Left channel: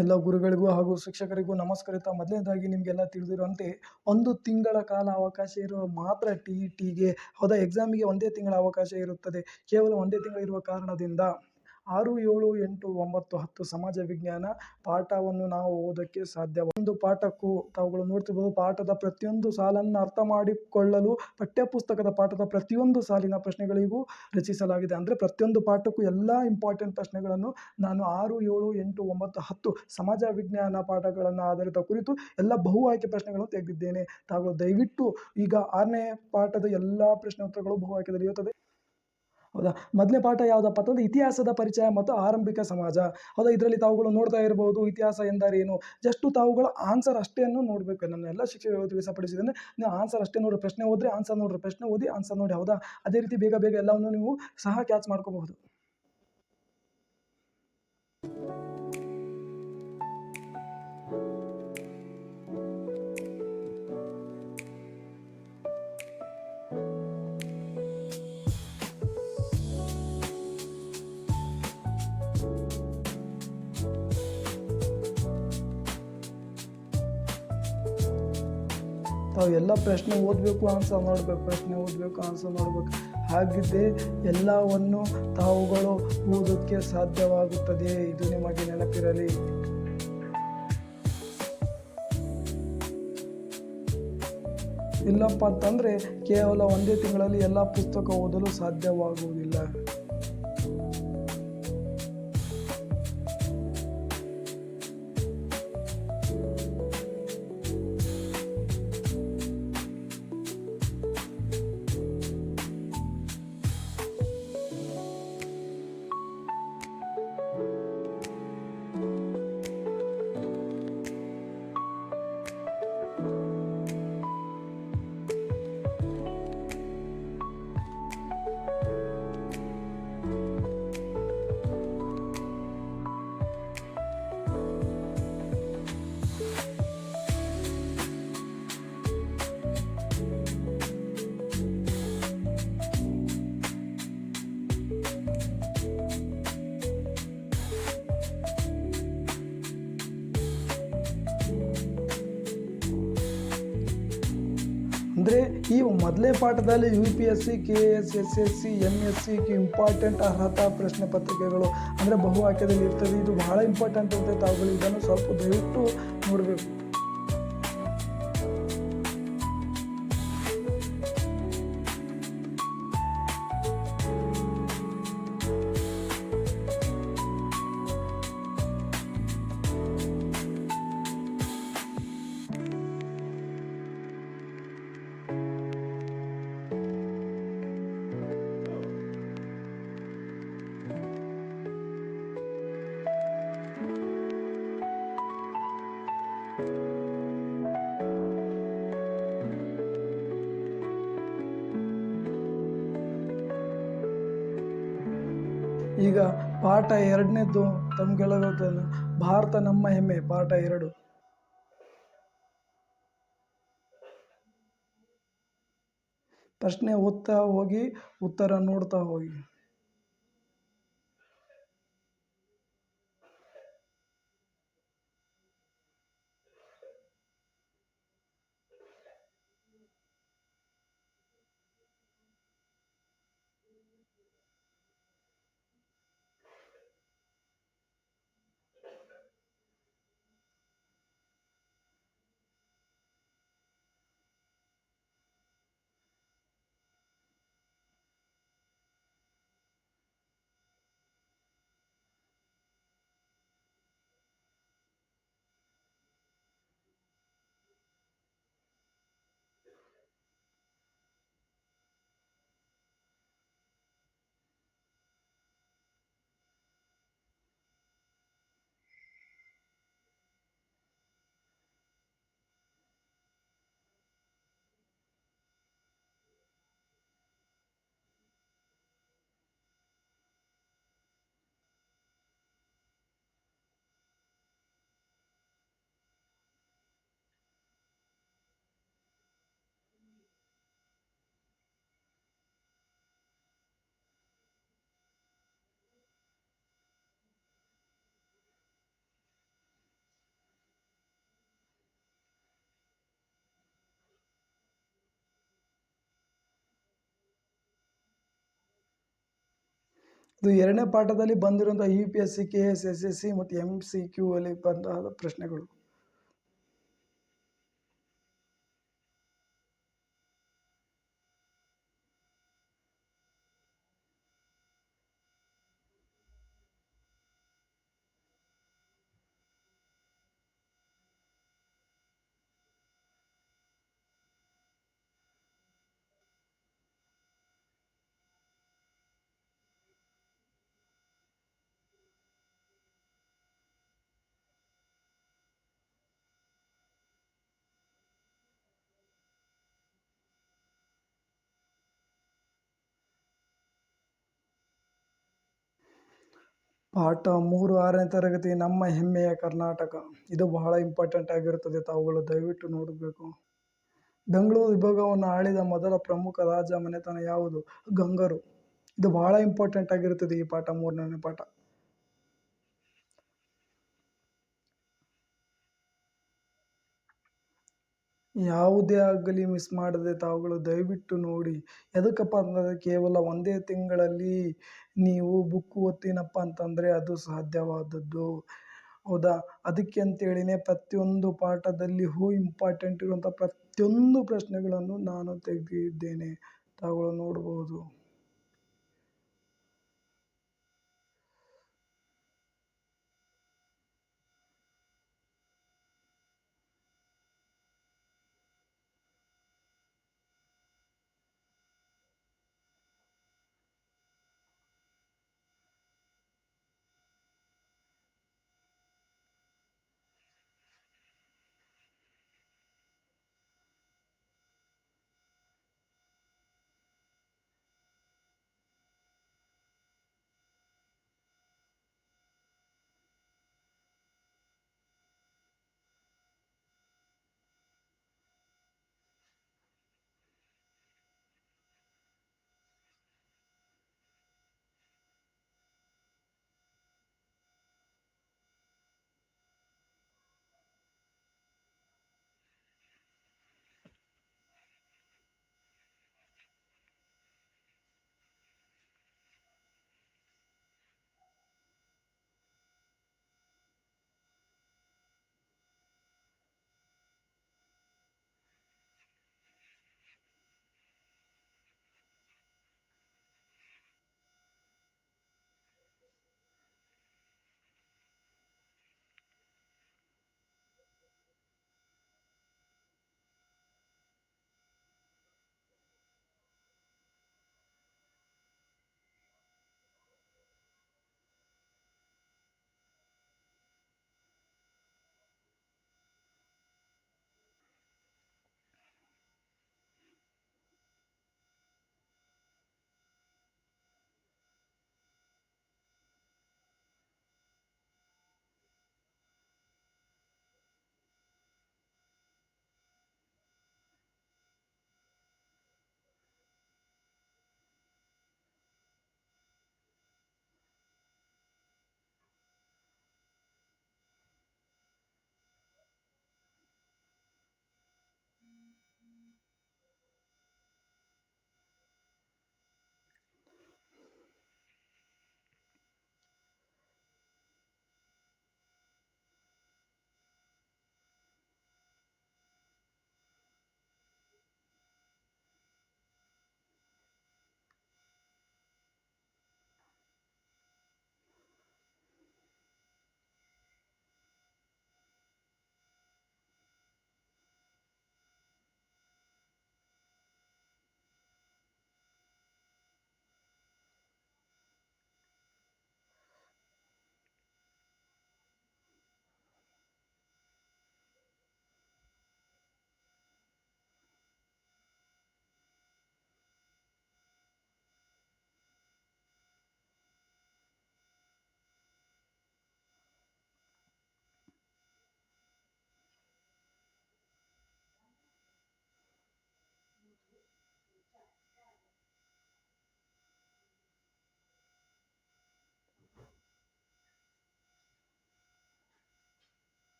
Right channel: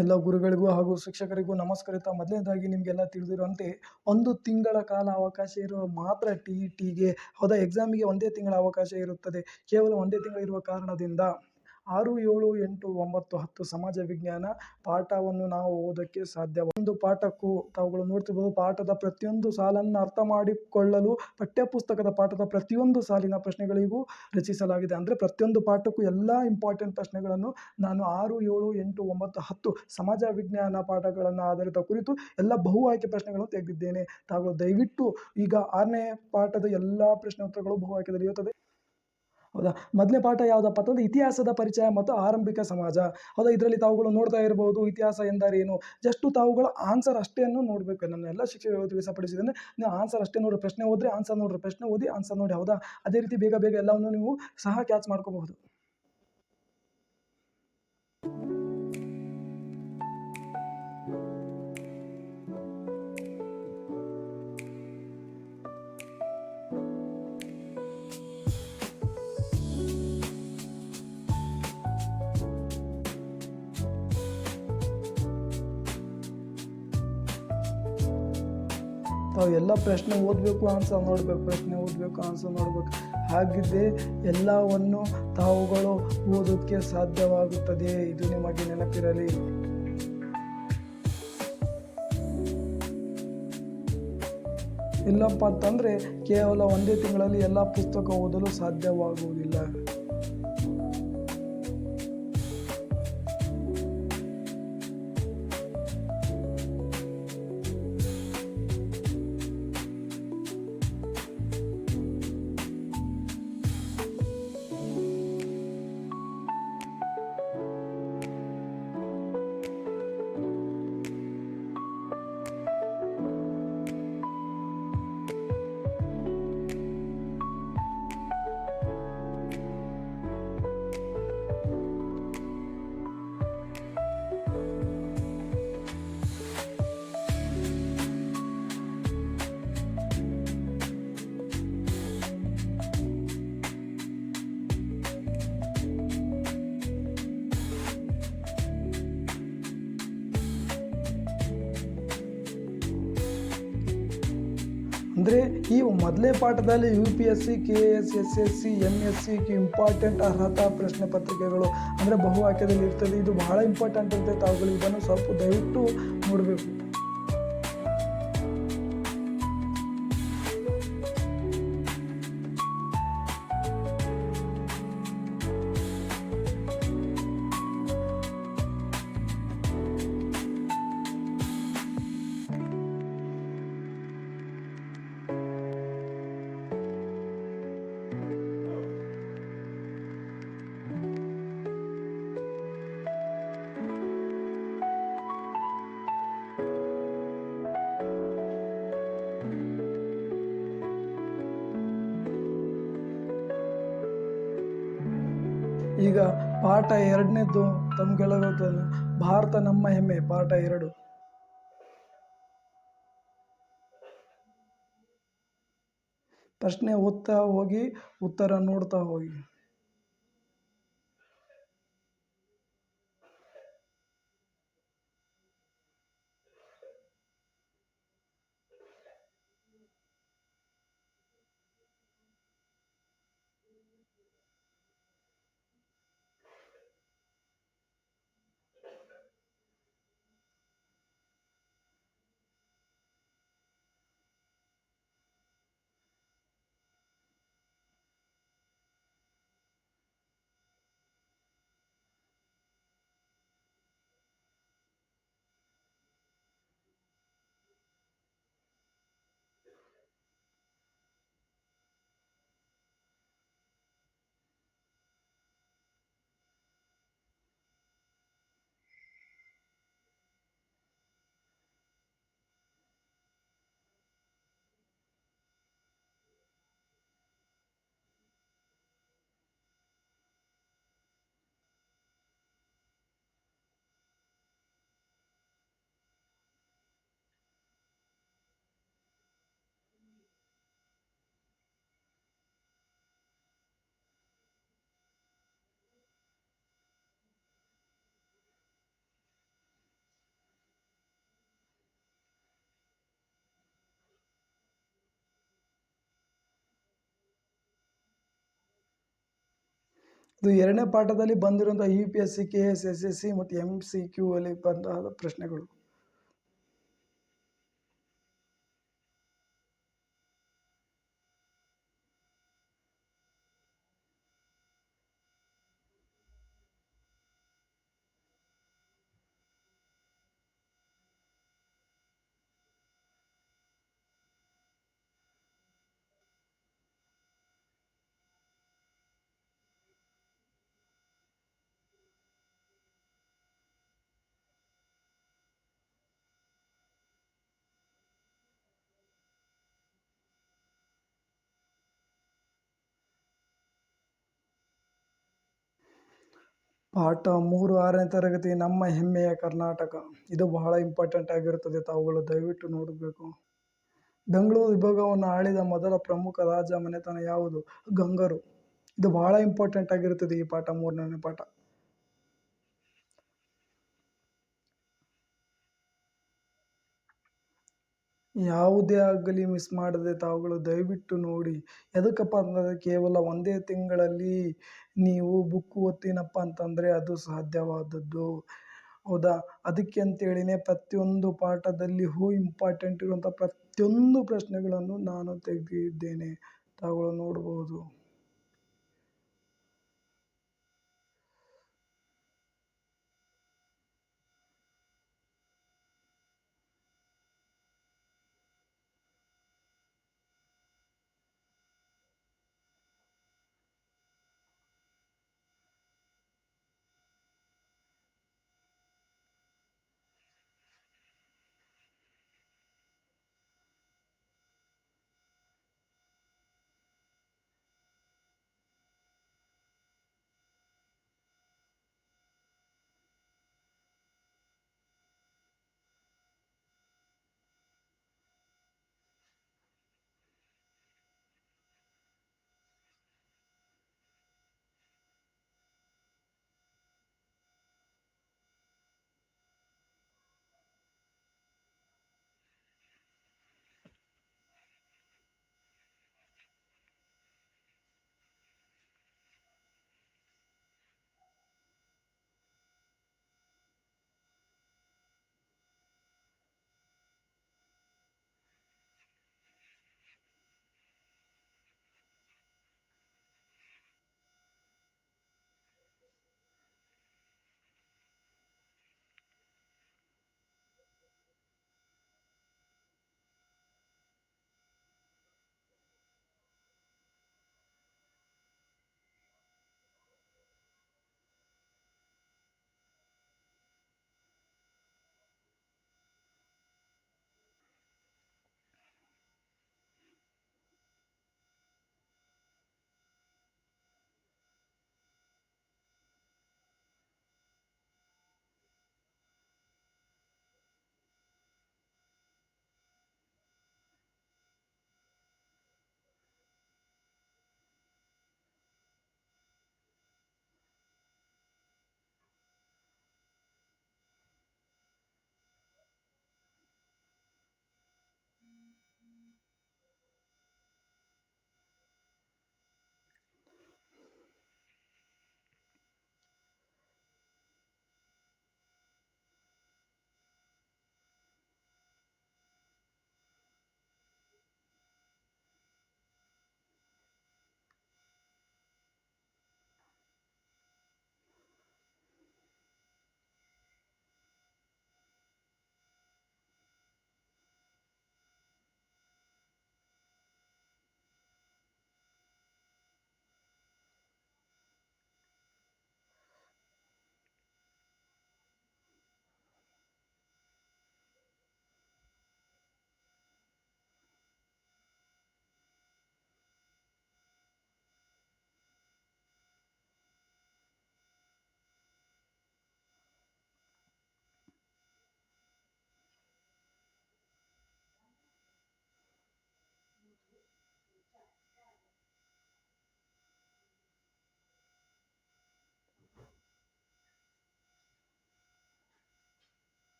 ಎಲ್ಲ ಗುರುಗಳಿಗೂ ಹಾಗೂ ಶಿಕ್ಷಕರಿಗೂ ನಮಸ್ಕರಿತ ಮೊದಲನೇದಾಗಿ ನಿಮಗೆಲ್ಲ ತಿಳಿದಿರುವಂತೆ 1 ತಿಂಗಳ ಕಾಲ ಅವಕಾಶ ಇರುವ ಮಾತ್ರ ಟಿ.ಇ.ಟಿಗೆ ಹೌದಾ ಎಕ್ಸಾಮಿಗೆ 1 ತಿಂಗಳ ಅವಕಾಶ ಇರುತ್ತದೆ. ಕೇವಲ 1 ತಿಂಗಳು ಇರುವ ಕಾರಣದಿಂದ 6, 7, 8, 9, 10 ಸಮಾಜ ವಿಜ್ಞಾನ ಪಾಠವನ್ನು ನಾವು ಓದೋಕ್ಕೆ ಸಾಧ್ಯ. ಒಂದು ಪಾಠಕ್ಕೂ ತಾವುಗಳು ನೋಡ್ತಿರ್ಬೋದು, ಪಾಠದ ಪ್ರತಿಯೊಂದು ಸಾಲನ್ನು ಅರ್ಥ ಮಾಡಿಕೊಳ್ಳಲು ಪಠ್ಯಪುಸ್ತಕದ ಪಾಠದ ಪ್ರತಿಯೊಂದು ಸಾಲಿನ ಪ್ರಶ್ನೆಗಳಿಗೂ ರಚಿಸಲಾಗಿದೆ. ಅಂದರೆ ಪ್ರತಿಯೊಂದು ಪಾಠಕ್ಕೂ ಎಲ್ಲ ಇಂಪಾರ್ಟೆಂಟ್ ಪ್ರಶ್ನೆಗಳನ್ನು ನಾನು 6, 7, 8, 9, 10 ಸಮಾಜ ವಿಜ್ಞಾನ ಪಾಠಗಳನ್ನು ಆಧಾರಿತ ಕುರಿತು ಎಲ್ಲ ಬಹು ಆಯ್ಕೆ ಪ್ರಶ್ನೆಗಳನ್ನು ತೆಗೆದಿದ್ದೇನೆ. ತಾವುಗಳು ದಯವಿಟ್ಟು ಈಗ 6ನೇ ಪಾಠದ ಎಲ್ಲ ಪ್ರಶ್ನೆ ಉತ್ತರಗಳು ಬಹು ಆಯ್ಕೆಯಲ್ಲಿ ಇರುತ್ತದೆ. ಹೌದಾ, ಮೊದಲನೇ ಪಾಠ ಯಾವುದಪ್ಪ ಅಂತಂದ್ರೆ ಇತಿಹಾಸದ ಪರಿಚಯ ಮತ್ತು ಆರಂಭಿಕ ಸಮಾಜ. ಹೌದಾ, ಇದರಲ್ಲಿ ತಾವುಗಳು ನೋಡ್ತಾ ಇರಬಹುದು ಇತಿಹಾಸ ಎಂದರೇನು. ಜಸ್ಟ್ ತಾವುಗಳು ಆನ್ಸರ್ ಅಷ್ಟೇನು ನೋಡಬೇಕು. ನನ್ನ ಎಲ್ಲ ಶಿಕ್ಷಕರು ತಿಳಿಸಪಡಿಸಿದ್ರೆ ನೀವು ಆನ್ಸರ್ ಅಷ್ಟೇ ನೋಡ್ರಿ, ಪ್ರಶ್ನೆ ಓದ್ರಿ ಆನ್ಸರ್ ನೋಡ್ರಿ, ಪ್ರಶ್ನೆ ಓದಿ ಆನ್ಸರ್ ನೋಡಿ. ಹೌದಾ, ಅದೇ ರೀತಿ ಬೇಗ ಬೇಗ ಎಲ್ಲವನ್ನು ನೀವು ಸಹ ಕ್ಯಾಚ್ ಮಾಡ್ಕೋಬಹುದು. ತಾವು ಎಲ್ಲ ಪ್ರಶ್ನೆ ಓದಬೇಕು, ಆನ್ಸರ್ ನೋಡಬೇಕು, ಪ್ರಶ್ನೆ ಓದಬೇಕು, ಆನ್ಸರ್ ನೋಡಬೇಕು. ಹಾಗಿದ್ದೇ ಎಲ್ಲವನ್ನು ತಾವುಗಳು ಓದೋಕ್ಕೆ ಸಾಧ್ಯವಾಗುತ್ತದೆ. ಇದು ನಿಮಗೆ ನೆನಪಿರಲಿ. ಇಲ್ಲಪ್ಪ ಅಂತಂದರೆ ಕೇವಲ 1 ತಿಂಗಳಲ್ಲಿ ಎಲ್ಲ ಪುಸ್ತಕ ಓದಲು ಸಾಧ್ಯವಾಗುವುದಿಲ್ಲ. ಅಂದರೆ ಈ ಮೊದಲೇ ಪಾಠದಲ್ಲಿ UPSC, KS, SSC, MSc important ಅರ್ಹತಾ ಪ್ರಶ್ನೆ ಪತ್ರಿಕೆಗಳು ಅಂದರೆ ಬಹು ಆಯ್ಕೆಯಲ್ಲಿ ಇರ್ತದೆ. ಇದು ಬಹಳ ಇಂಪಾರ್ಟೆಂಟ್ ಇರುತ್ತೆ. ತಾವುಗಳು ಇದನ್ನು ಸ್ವಲ್ಪ ದಯವಿಟ್ಟು ನೋಡಬೇಕು. ಈಗ ಪಾಠ 2ನೇದ್ದು ತಮ್ಗೆಲ್ಲ ಗೊತ್ತಲ್ಲ, ಭಾರತ ನಮ್ಮ ಹೆಮ್ಮೆ. ಪಾಠ 2 ಪ್ರಶ್ನೆ ಓದ್ತಾ ಹೋಗಿ, ಉತ್ತರ ನೋಡ್ತಾ ಹೋಗಿ. ಇದು 2ನೇ ಪಾಠದಲ್ಲಿ ಬಂದಿರುವಂತಹ UPSC, KS, SSC ಮತ್ತು MCQ ಅಲ್ಲಿ ಬಂದ ಪ್ರಶ್ನೆಗಳು. ಪಾಠ 3 6ನೇ ತರಗತಿ ನಮ್ಮ ಹೆಮ್ಮೆಯ ಕರ್ನಾಟಕ. ಇದು ಬಹಳ ಇಂಪಾರ್ಟೆಂಟ್ ಆಗಿರುತ್ತದೆ, ತಾವುಗಳು ದಯವಿಟ್ಟು ನೋಡಬೇಕು. ಬೆಂಗಳೂರು ವಿಭಾಗವನ್ನು ಆಳಿದ ಮೊದಲ ಪ್ರಮುಖ ರಾಜ ಮನೆತನ ಯಾವುದು? ಗಂಗರು. ಇದು ಬಹಳ ಇಂಪಾರ್ಟೆಂಟ್ ಆಗಿರುತ್ತದೆ ಈ ಪಾಠ, 3ನೇ ಪಾಠ. ಯಾವುದೇ ಆಗಲಿ ಮಿಸ್ ಮಾಡದೆ ತಾವುಗಳು ದಯವಿಟ್ಟು ನೋಡಿ. ಎದಕ್ಕಪ್ಪ ಅಂತಂದರೆ ಕೇವಲ ಒಂದೇ ತಿಂಗಳಲ್ಲಿ ನೀವು ಬುಕ್ ಓದ್ತೀನಪ್ಪ ಅಂತಂದರೆ ಅದು ಸಾಧ್ಯವಾದದ್ದು, ಹೌದಾ? ಅದಕ್ಕೆ ಅಂತೇಳಿನೇ ಪ್ರತಿಯೊಂದು ಪಾಠದಲ್ಲಿಯೂ ಇಂಪಾರ್ಟೆಂಟ್ ಇರುವಂಥ ಪ್ರತಿಯೊಂದು ಪ್ರಶ್ನೆಗಳನ್ನು ನಾನು ತೆಗೆದಿದ್ದೇನೆ, ತಾವುಗಳು ನೋಡ್ಬೋದು.